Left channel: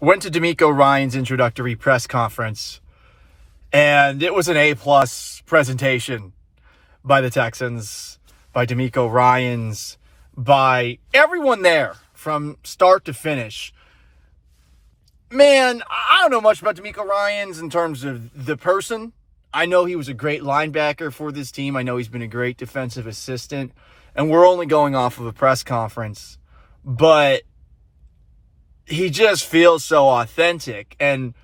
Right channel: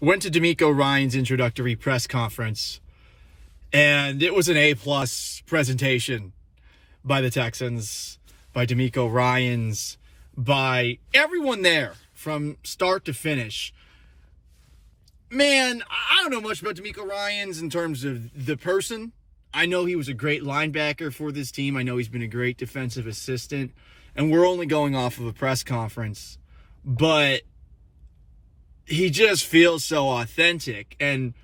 went to DeMeco Ryan's introductory press conference, and it was an A-plus presentation by the Texans, by DeMeco Ryan's, by everyone there from start to finish. Man, I don't know much about DeMeco Ryan's in terms of the person. I know he was a great linebacker for this team. I know he's been a great defensive assistant. And we're only going off of a press conference. But he just feels so authentic. And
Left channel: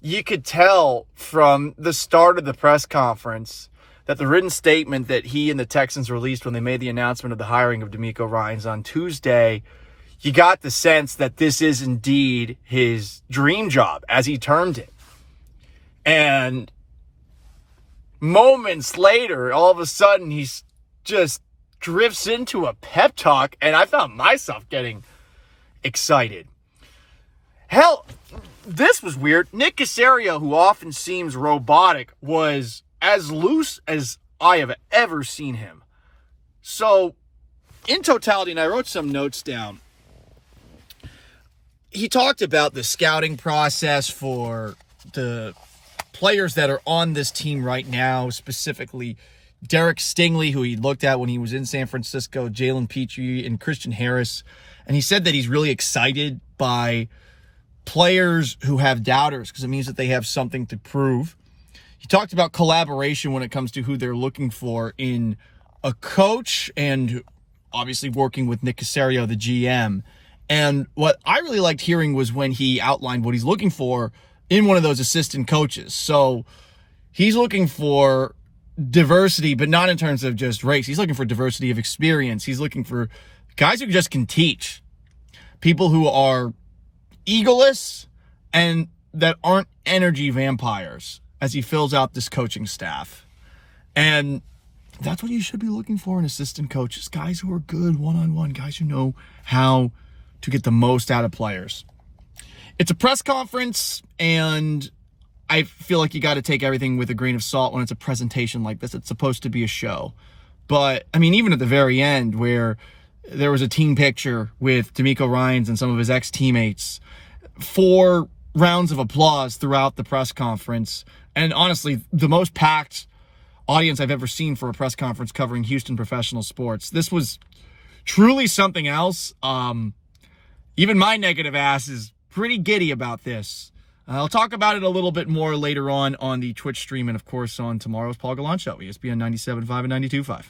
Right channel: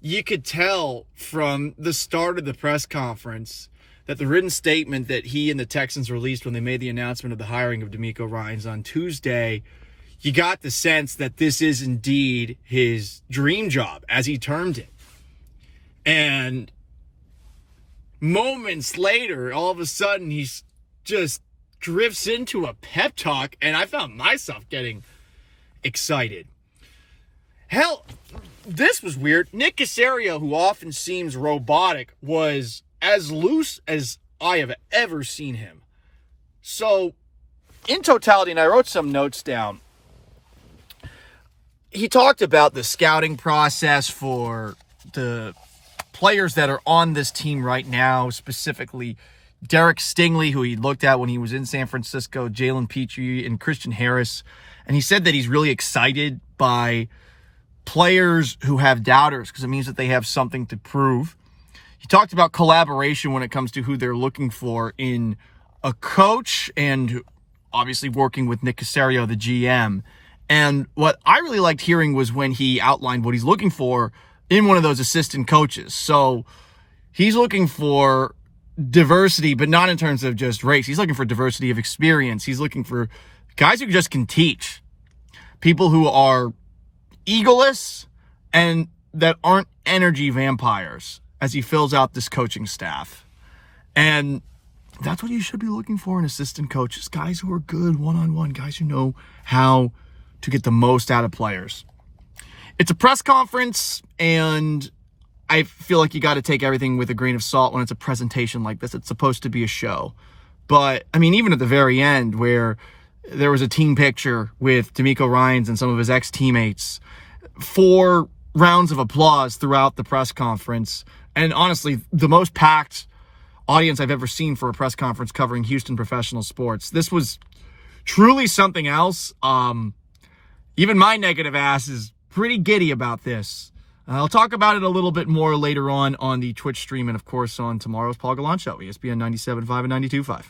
you could tell from the start of the press conference that the written statement that he and the Texans released when they made the announcement of the hiring of DeMeco Ryan's on Tuesday, you got the sense that this is indeed his dream job, as he termed it. And moments later, all of a sudden, he just drifts into a pep talk, and I found myself getting excited. Hell, this was weird. Nick Caserio, who often seems robotic, was as loose as I have ever seen him. So, in totality, and I wrote some notes down, he talked about the scouting process for the players that are on this team right now, specifically Derek Stingley, who he looked at when he was in San Francisco, Jalen Petrie, and Christian Harris. And he said that he's really excited by players who have doubters because it means that they have something to prove. He talked about collaboration when it comes to who they're looking for in a coach and obviously working with Nick Caserio, the GM. And what I really liked hearing was when he outlined what he's looking for in one of those assistant coaches. So he's looking for diversity, but not in terms of just race. He's looking for diversity of experience. He's looking for guys who just can teach. People who are egoless and that aren't energy vampires as he fills out this coaching staff. And that's what you should be looking for in assistant coaches. Guys who are good one-on-one, guys who know how to get the most out of players. It's a press conference, and I feel like you got to take everything with a grain of salt when it's a presentation like this. It's supposed to be a show. But, I mean, even at the very end where there was a team picture with DeMeco Ryan's and some of his ex-teammates, 4 rounds of applause throughout the press conference. And honestly, the most packed audience I've ever seen for a press conference covering Houston professional sports. This was truly something else. Even my negative ass is pretty giddy about this. I'll talk about it a little bit more later on the Twitch stream and, of course, on tomorrow's Paul Gallant Show, ESPN 97.5 and 92.5.